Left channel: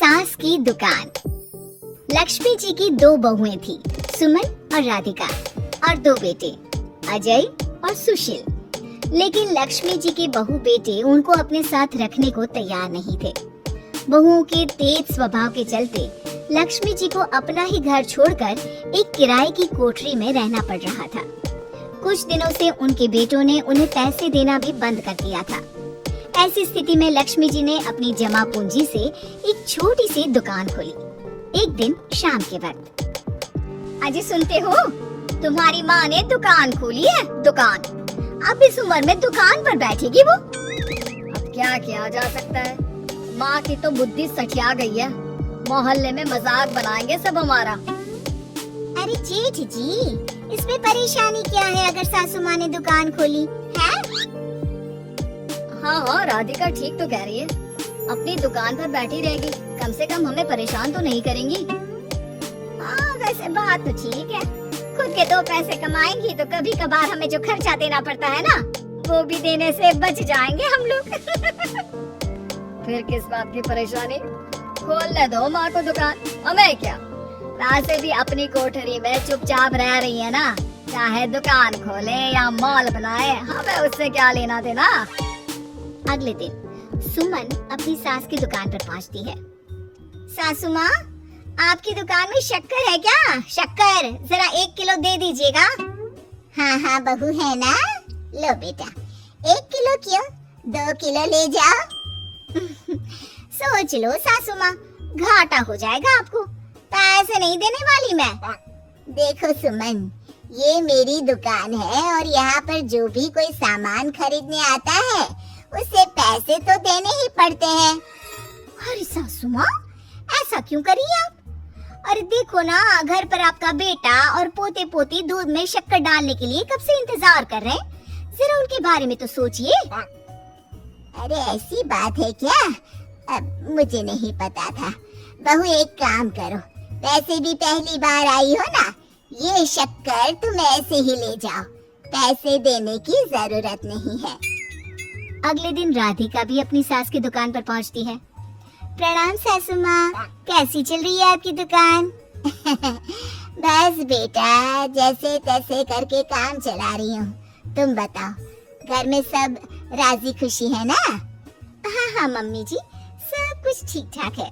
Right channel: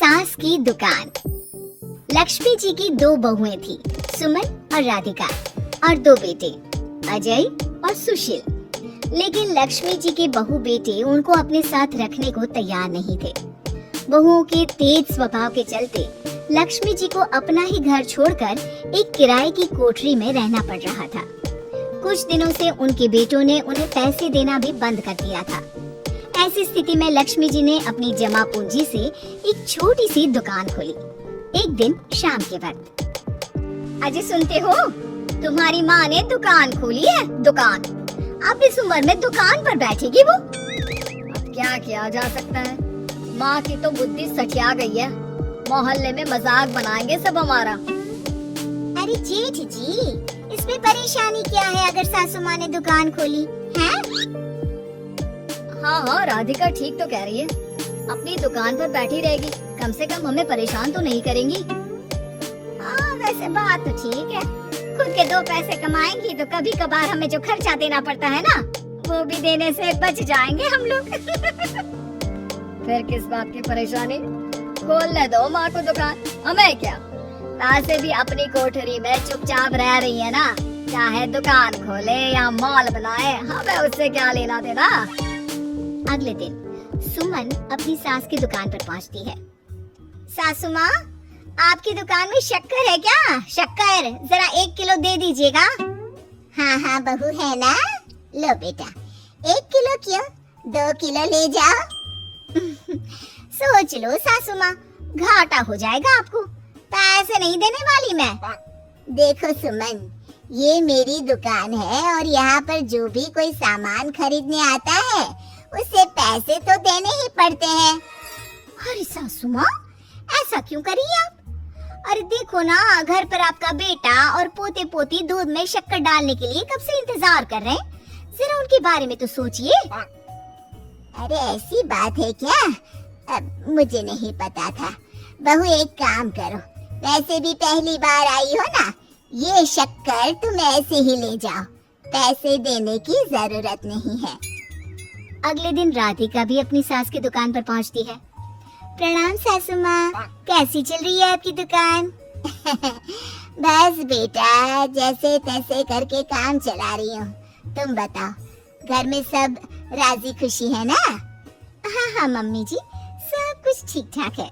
सास की दुकान। लक्ष्मी जी की दो बहुएं थी, सुमन और राधिका, और दो बेटे, अजय और सुशील। लेकिन लक्ष्मी जी के बहू बेटे उनको अपने साथ रखने को तैयार नहीं थे। बहुओं के तेज स्वभाव के चलते लक्ष्मी जी को अपना ही घर छोड़कर एक किराए की कोठरी में रहना पड़ रहा था। कुछ दिनों से उनके बेटों ने उन्हें पैसे देना भी बंद कर दिया था। ऐसी स्थिति में लक्ष्मी जी ने अपनी जमा पूंजी से एक छोटी सी दुकान खोली। एक दिन शाम के वक्त, अजय सुनते हो, तुम्हारी माँ ने दुकान खोली है। दुकान अब इस उम्र में दुकान पर बैठेगी वो। अब क्या किया जा सकता है, माँ की तो बुद्धि सठिया गई है। मोहल्ले में मजाक बनाएंगे सब हमारा। अरे जेठ जी, इसमें परेशानी क्या है अगर सासू माँ ने दुकान खोली है? हाँ, राधिका ठीक तो कह रही है, अपनी दुकान पर बैठी रहेगी, कम से कम हमें परेशान तो नहीं करेंगी। हाँ, वैसे बात तो ठीक है। खुद के दो पैसे कमाएंगी तो कभी कभार हमें जो खर्चा देना पड़ता है ना, वो भी देने से बच जाएंगे हम लोग। फिर किस बात की परेशानी, खोलने दो माँ को दुकान, हमें क्या। वैसे भी अपनी कोठरी में चुपचाप रह रही है ना, चाहे दुकान खोले या मॉल बनाए, हमें उससे क्या लेना देना। अगले दिन सुमन अपनी सास की दुकान पर पहुंचती है। सासू माँ, आपकी दुकान में शक्कर है क्या? शक्कर जरा 1 किलो दे दीजिएगा। हाँ हाँ बहू, है ना, लो बेटा, 1 किलो क्यों, 2 किलो ले जाओ। सोच लो सासू माँ, घाटा हो जाएगा आपको, पैसे नहीं देने वाली मैं। देखो सुमन, ये मेरी दुकान है और यहाँ पर जो भी कोई सामान खरीदने आता है उसे पैसे तो देने ही पड़ते हैं। अरे सासू माँ, ऐसा क्यों करी आप? अरे देखो ना, घर पर आपका बेटा और पोते पोती दूध में शक्कर डालने के लिए कब से इंतजार कर रहे हैं, जरा उनके बारे में तो सोचिए। अरे ऐसी बात है क्या? अब मुझे नहीं पता था। बहू एक काम करो, वैसे भी पहली बार आई हो ना, ये शक्कर तुम ऐसे ही ले जाओ, पैसे देने की जरूरत नहीं है। अगले दिन राधिका भी अपनी सास की दुकान पर पहुंचती है। प्रणाम सासू माँ, कैसी चल रही है आपकी दुकान? बस बेटा, जैसे तैसे करके काम चला रही हूँ। तुम बताओ, घर में सब राजी खुशी है ना? हाँ हाँ मम्मी जी, सब कुछ ठीक ठाक है।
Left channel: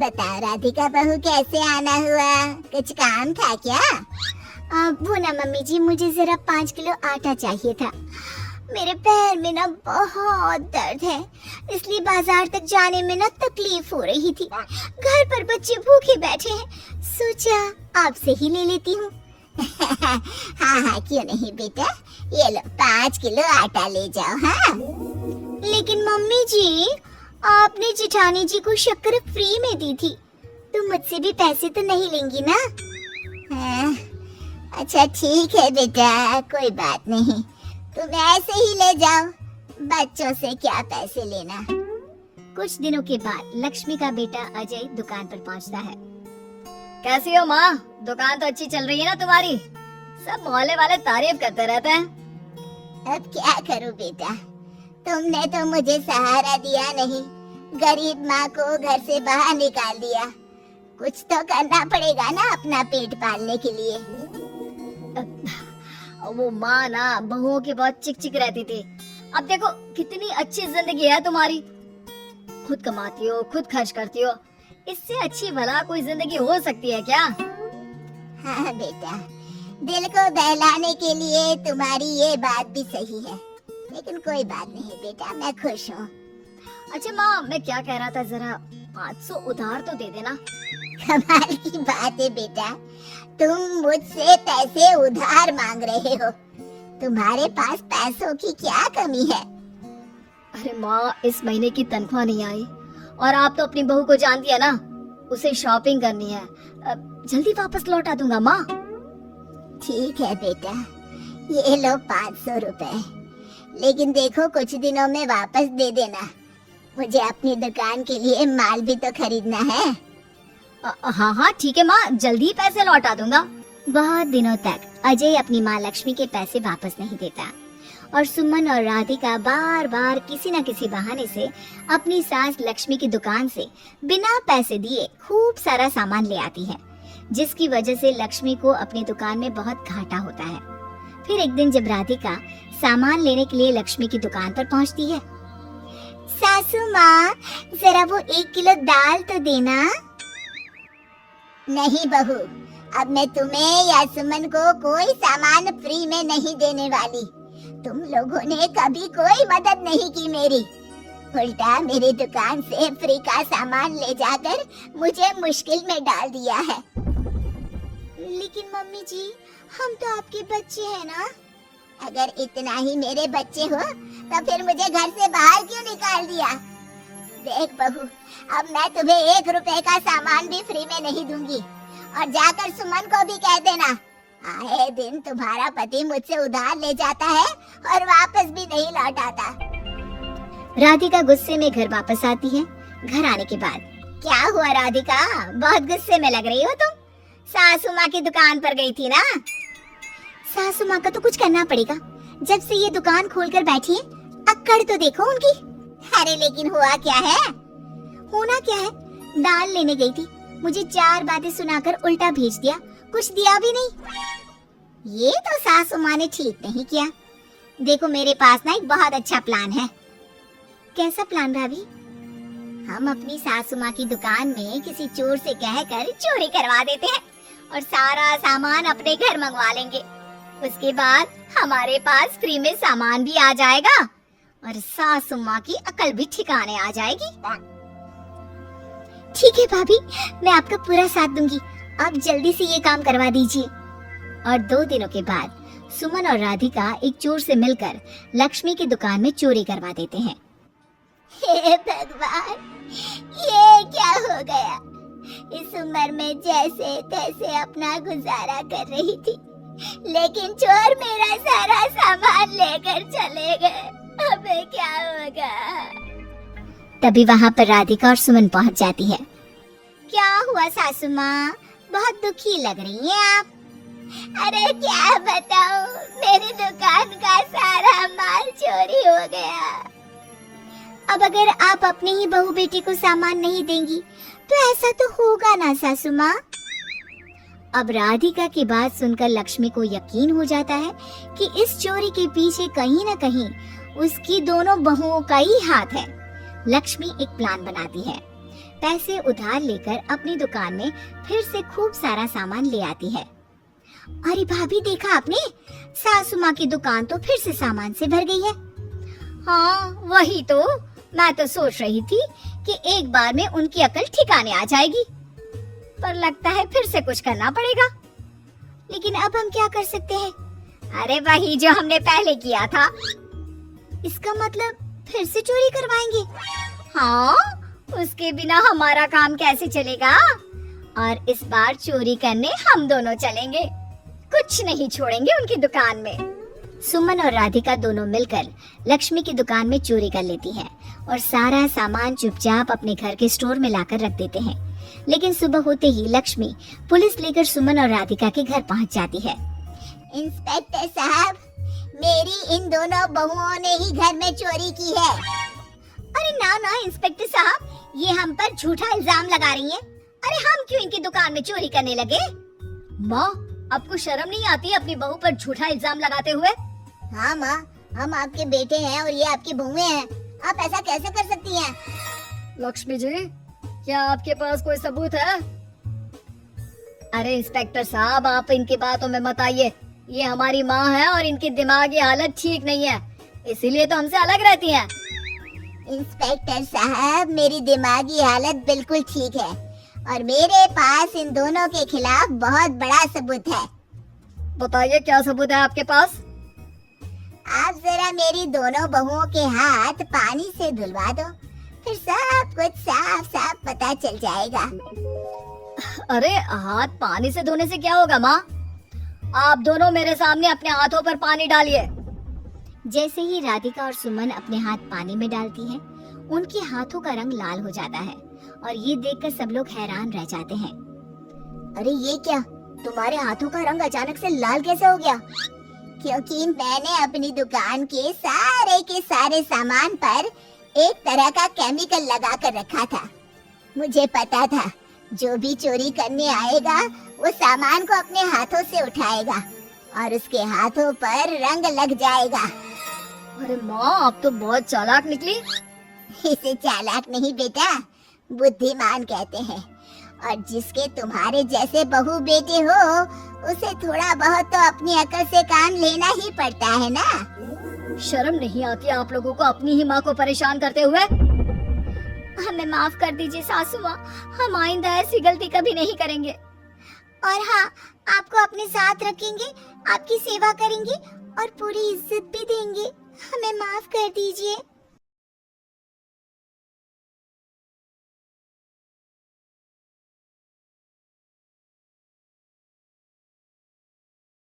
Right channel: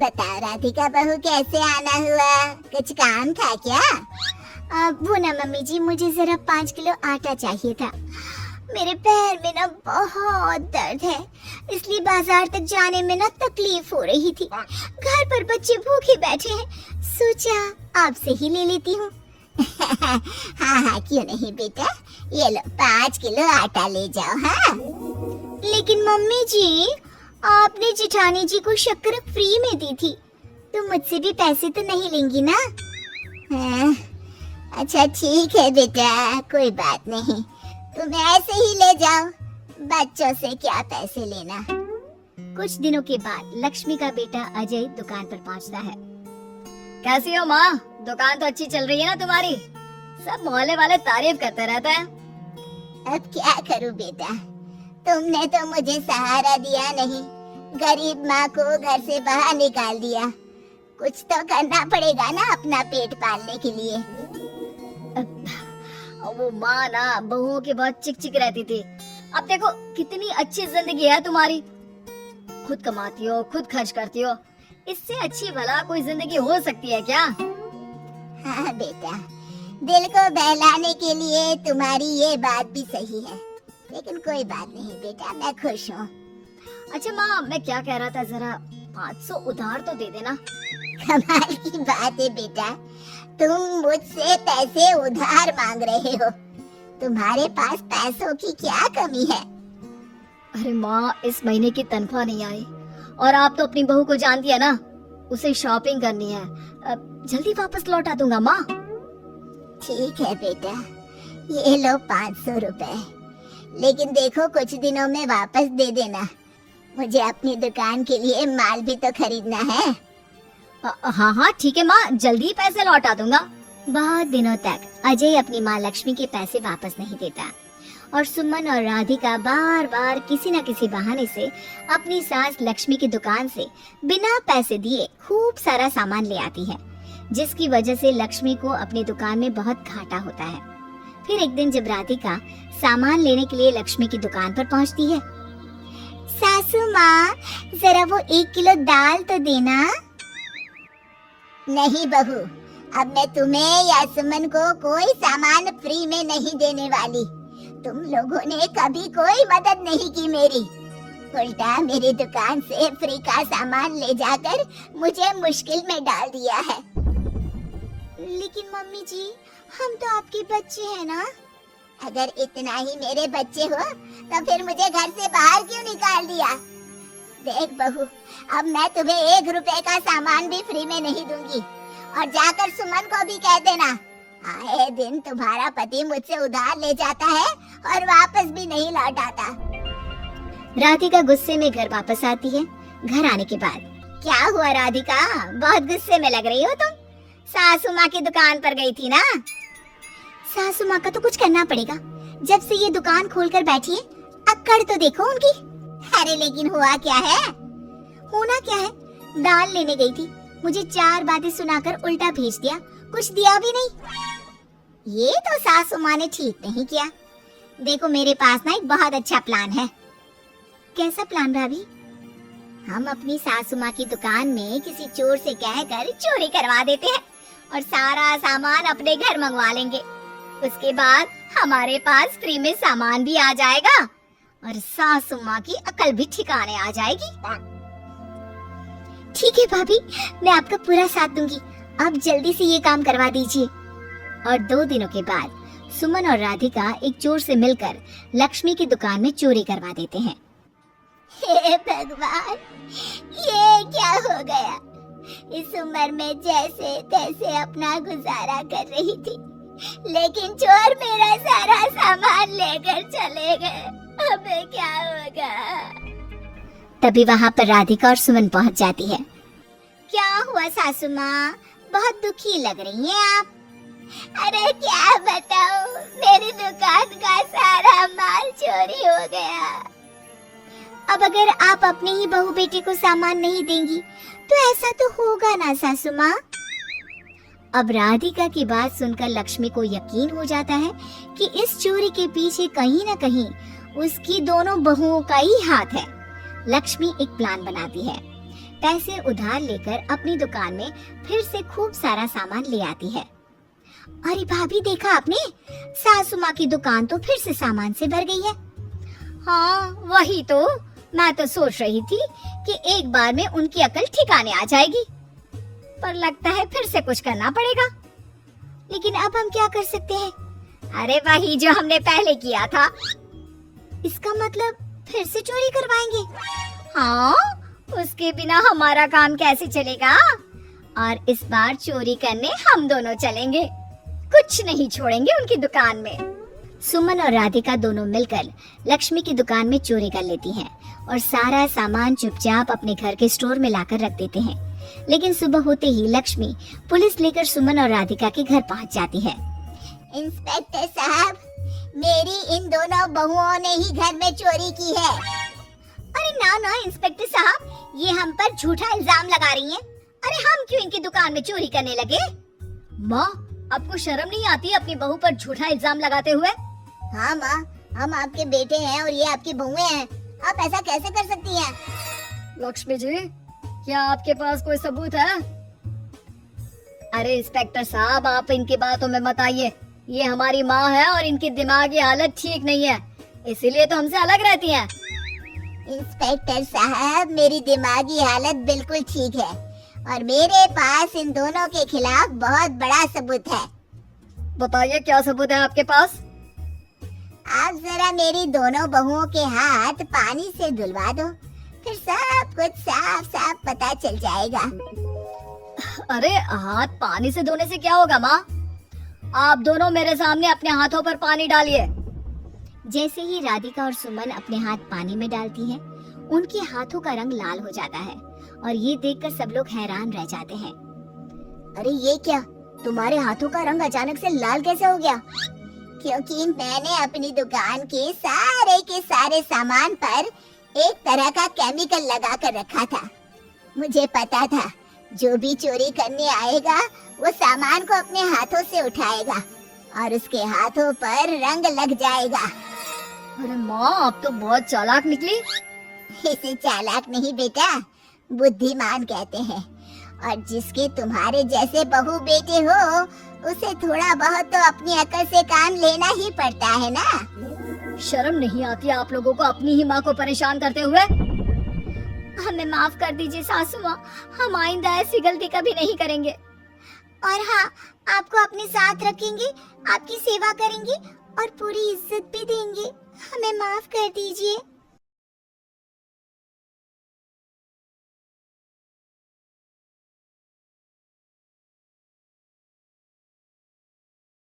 बताओ राधिका बहू, कैसे आना हुआ, कुछ काम था क्या? वो ना मम्मी जी, मुझे जरा 5 किलो आटा चाहिए था। मेरे पैर में ना बहुत दर्द है, इसलिए बाजार तक जाने में ना तकलीफ हो रही थी। घर पर बच्चे भूखे बैठे हैं, सोचा आपसे ही ले लेती हूँ। हाँ हाँ क्यों नहीं बेटा, ये लो 5 किलो आटा ले जाओ। हाँ लेकिन मम्मी जी, आपने जेठानी जी को शक्कर फ्री में दी थी, तो मुझसे भी पैसे तो नहीं लेंगी ना? हाँ, अच्छा ठीक है बेटा, कोई बात नहीं, तुम ऐसे ही ले जाओ, बच्चों से क्या पैसे लेना। कुछ दिनों के बाद लक्ष्मी का बेटा अजय दुकान पर पहुंचता है। कैसी हो माँ, दुकान तो अच्छी चल रही है ना तुम्हारी, सब मोहल्ले वाले तारीफ करते रहते हैं। अब क्या करूं बेटा, तुमने तो मुझे सहारा दिया नहीं, गरीब माँ को घर से बाहर निकाल दिया, कुछ तो करना पड़ेगा ना अपना पेट पालने के लिए। वो माँ ना बहुओं की बहुत चिक चिक रहती थी, अब देखो कितनी अच्छी जिंदगी है तुम्हारी, खुद कमाती हो, खुद खर्च करती हो, इससे अच्छी भला कोई जिंदगी हो सकती है क्या? हाँ बेटा, दिल को बहलाने के लिए तुम्हारी ये बात भी सही है, लेकिन कोई बात नहीं बेटा, मैं खुश हूँ। अच्छा माँ, मैं क्या कह रहा था, जरा 500 उधार तो दे देना। कमाल की बात है बेटा, तुम मुझसे पैसे उधार मांग रहे हो, तुम्हारे पास पैसों की क्या कमी है? अरे माँ, इस महीने की तनख्वाह नहीं आई और आप तो अपनी बहू को जानती है ना, उसे शॉपिंग करनी है, जल्दी वापस लौटा दूंगा माँ। ठीक है बेटा, ये लो 500 रुपए, लेकिन देखो कुछ दिनों में वापस दे देना, मुझे अपनी दुकान के लिए माल भी तो खरीदना है। हाँ हाँ ठीक है माँ, जल्दी पैसे लौटा दूंगा। बहुत दिनों तक अजय अपनी माँ लक्ष्मी के पैसे वापस नहीं देता। और सुमन और राधिका बार बार किसी न किसी बहाने से अपनी सास लक्ष्मी की दुकान से बिना पैसे दिए खूब सारा सामान ले आती है, जिसकी वजह से लक्ष्मी को अपनी दुकान में बहुत घाटा होता है। फिर एक दिन जब राधिका सामान लेने के लिए लक्ष्मी की दुकान पर पहुंचती है, सासू माँ जरा वो 1 किलो दाल तो देना। नहीं बहू, अब मैं तुम्हें या सुमन को कोई सामान फ्री में नहीं देने वाली। तुम लोगों ने कभी कोई मदद नहीं की मेरी, उल्टा मेरी दुकान से फ्री का सामान ले जाकर मुझे मुश्किल में डाल दिया है। लेकिन मम्मी जी, हम तो आपके बच्चे हैं ना। अगर इतना ही मेरे बच्चे हो तो फिर मुझे घर से बाहर क्यों निकाल दिया? देख बहू, अब मैं तुम्हें 1 रुपए का सामान भी फ्री में नहीं दूंगी, और जाकर सुमन को भी कह देना, आए दिन तुम्हारा पति मुझसे उधार ले जाता है और वापस भी नहीं लौटाता। राधिका गुस्से में घर वापस आती है। घर आने के बाद, क्या हुआ राधिका, बहुत गुस्से में लग रही हो तुम? सासू माँ की दुकान पर गई थी ना? सासू माँ का तो कुछ करना पड़ेगा, जब से ये दुकान खोलकर बैठी है, अक्कड़ तो देखो उनकी। अरे लेकिन हुआ क्या है? होना क्या है, दाल लेने गई थी, मुझे 4 बातें सुनाकर उल्टा भेज दिया, कुछ दिया भी नहीं। ये तो सासू माँ ने ठीक नहीं किया। देखो मेरे पास ना एक बहुत अच्छा प्लान है। कैसा प्लान भाभी? हम अपनी सासू माँ की दुकान में किसी चोर से कहकर चोरी करवा देते हैं और सारा सामान अपने घर मंगवा लेंगे। उसके बाद हमारे पास फ्री में सामान भी आ जाएगा और सासू माँ की अकल भी ठिकाने आ जाएगी। ठीक है भाभी, मैं आपका पूरा साथ दूंगी। आप जल्दी से ये काम करवा दीजिए। और 2 दिनों के बाद सुमन और राधिका एक चोर से मिलकर लक्ष्मी की दुकान में चोरी करवा देते हैं। हे भगवान, ये क्या हो गया? इस उम्र में जैसे तैसे अपना गुजारा कर रही थी, लेकिन चोर मेरा सारा सामान लेकर चले गए। अब क्या होगा? तभी वहाँ पर राधिका और सुमन पहुँच जाती है। क्या हुआ सासू माँ, बहुत दुखी लग रही हैं आप? अरे क्या बताऊं, मेरी दुकान का सारा माल चोरी हो गया। अब अगर आप अपने ही बहू बेटी को सामान नहीं देंगी तो ऐसा तो होगा ना सासू माँ। अब राधिका की बात सुनकर लक्ष्मी को यकीन हो जाता है कि इस चोरी के पीछे कहीं न कहीं उसकी दोनों बहुओं का ही हाथ है। लक्ष्मी एक प्लान बनाती है, पैसे उधार लेकर अपनी दुकान में फिर से खूब सारा सामान ले आती है। अरे भाभी, देखा आपने, सासू माँ की दुकान तो फिर से सामान से भर गई है। हाँ वही तो, मैं तो सोच रही थी कि एक बार में उनकी अकल ठिकाने आ जाएगी, पर लगता है फिर से कुछ करना पड़ेगा। लेकिन अब हम क्या कर सकते हैं? अरे वही जो हमने पहले किया था। इसका मतलब फिर से चोरी करवाएंगे? हाँ, उसके बिना हमारा काम कैसे चलेगा? और इस बार चोरी करने हम दोनों चलेंगे, कुछ नहीं छोड़ेंगे उनकी दुकान में। सुमन और राधिका दोनों मिलकर लक्ष्मी की दुकान में चोरी कर लेती हैं और सारा सामान चुपचाप अपने घर के स्टोर में लाकर रख देते हैं। लेकिन सुबह होते ही लक्ष्मी पुलिस लेकर सुमन और राधिका के घर पहुंच जाती है। इंस्पेक्टर साहब, मेरी इन दोनों बहुओं ने ही घर में चोरी की है। अरे ना ना इंस्पेक्टर साहब, ये हम पर झूठा इल्जाम लगा रही हैं। अरे हम क्यों इनकी दुकान में चोरी करने लगे? माँ, आपको शर्म नहीं आती अपनी बहू पर झूठा इल्जाम लगाते हुए? हाँ माँ, हम आपके बेटे हैं और ये आपकी बहुएं हैं, आप ऐसा कैसे कर सकती हैं? लक्ष्मी जी, क्या आपके पास कोई सबूत है? अरे इंस्पेक्टर साहब, आप इनकी बातों में मत आइए। ये हमारी माँ है और इनकी दिमागी हालत ठीक नहीं है, इसीलिए तो हमसे अलग रहती हैं। इंस्पेक्टर साहब, मेरी दिमागी हालत बिल्कुल ठीक है और मेरे पास इन दोनों के खिलाफ बहुत बड़ा सबूत है। बताइए, क्या सबूत है आपके पास? आप जरा मेरी दोनों बहुओं के हाथ पानी से धुलवा दो, फिर सब कुछ साफ साफ पता चल जाएगा। अरे हाथ पानी से धोने से क्या होगा माँ? आप दोनों मेरे सामने अपने हाथों पर पानी डालिए। जैसे ही राधिका और सुमन अपने हाथ पानी में डालती हैं, उनके हाथों का रंग लाल हो जाता है और ये देखकर सब लोग हैरान रह जाते हैं। अरे ये क्या, तुम्हारे हाथों का रंग अचानक से लाल कैसे हो गया? क्योंकि मैंने अपनी दुकान के सारे सामान पर एक तरह का केमिकल लगा कर रखा था। मुझे पता था जो भी चोरी करने आएगा वो सामान को अपने हाथों से उठाएगा और उसके हाथों पर रंग लग जाएगा। अरे माँ, आप तो बहुत चालाक निकली। इसे चालाक नहीं बेटा, बुद्धिमान कहते हैं। और जिसके तुम्हारे जैसे बहू बेटे हो उसे थोड़ा बहुत तो अपनी अकल से काम लेना ही पड़ता है ना। शर्म नहीं आती आप लोगों को अपनी ही माँ को परेशान करते हुए? हमें माफ कर दीजिए सासू माँ, हम आइंदा ऐसी गलती कभी नहीं करेंगे। और हाँ, आपको अपने साथ रखेंगे, आपकी सेवा करेंगे और पूरी इज्जत भी देंगे। हमें माफ कर दीजिए।